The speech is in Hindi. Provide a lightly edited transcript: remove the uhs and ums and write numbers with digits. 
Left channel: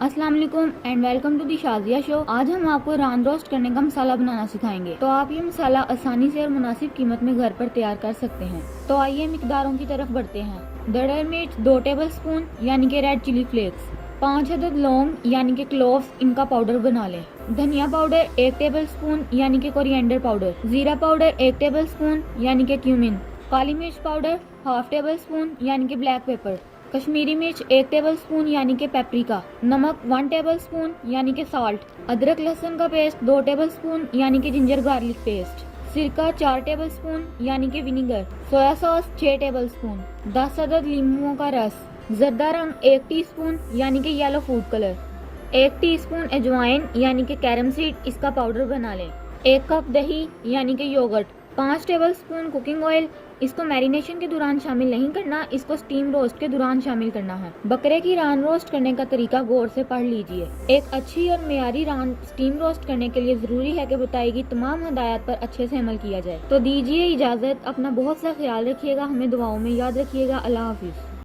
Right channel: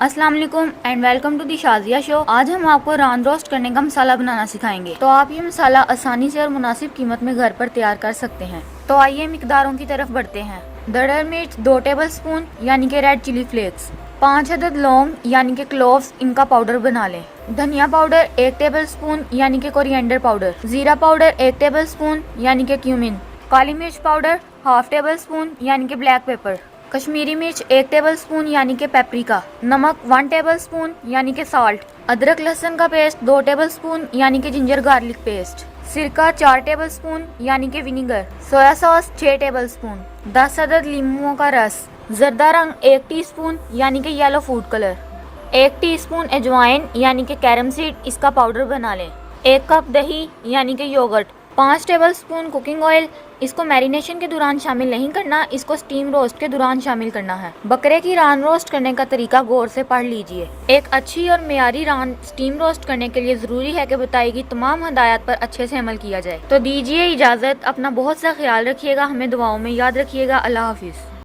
अस्सलाम वालेकुम and welcome to the Shazia show. आज हम आपको रान रोस्ट करने का मसाला बनाना सिखाएंगे। तो आप ये मसाला आसानी से और मुनासिब कीमत में घर पर तैयार कर सकते हैं। तो आइए मिकदारों की तरफ बढ़ते हैं। दरदर मिर्च 2 टेबल स्पून यानी कि रेड चिली फ्लेक्स, 5 अदद लौंग यानी कि क्लोव्स, इनका पाउडर बना लें। धनिया पाउडर 1 टेबल स्पून यानी कि कोरिएंडर पाउडर, जीरा पाउडर 1 टेबल स्पून यानी कि क्यूमिन, काली मिर्च पाउडर हाफ टेबल स्पून यानी कि ब्लैक पेपर, कश्मीरी मिर्च 1 टेबल स्पून यानी कि पेपरिका, नमक 1 टेबल स्पून यानी कि साल्ट, अदरक लहसुन का पेस्ट 2 टेबल स्पून यानी कि जिंजर गार्लिक पेस्ट, सिरका 4 टेबल स्पून यानी कि vinegar, soya sauce 6 table spoon, 10 अदद लीमुओं का रस, जर्दा रंग 1 टीस्पून यानी कि येलो फूड कलर, 1 टीस्पून अजवाइन यानी कि कैरम सीड, इसका पाउडर बना लें। 1 कप दही यानी कि yogurt, 5 tablespoon cooking oil, इसको मैरिनेशन के दौरान शामिल नहीं करना, इसको स्टीम रोस्ट के दौरान शामिल करना है। बकरे की रान रोस्ट करने का तरीका गौर से पढ़ लीजिए। एक अच्छी और मेयारी रान स्टीम रोस्ट करने के लिए जरूरी है कि बताई गई तमाम हदायत पर अच्छे से अमल किया जाए। तो दीजिए इजाजत, अपना बहुत सा ख्याल रखिएगा, हमें दुआओं में याद रखिएगा। अल्लाह हाफिज।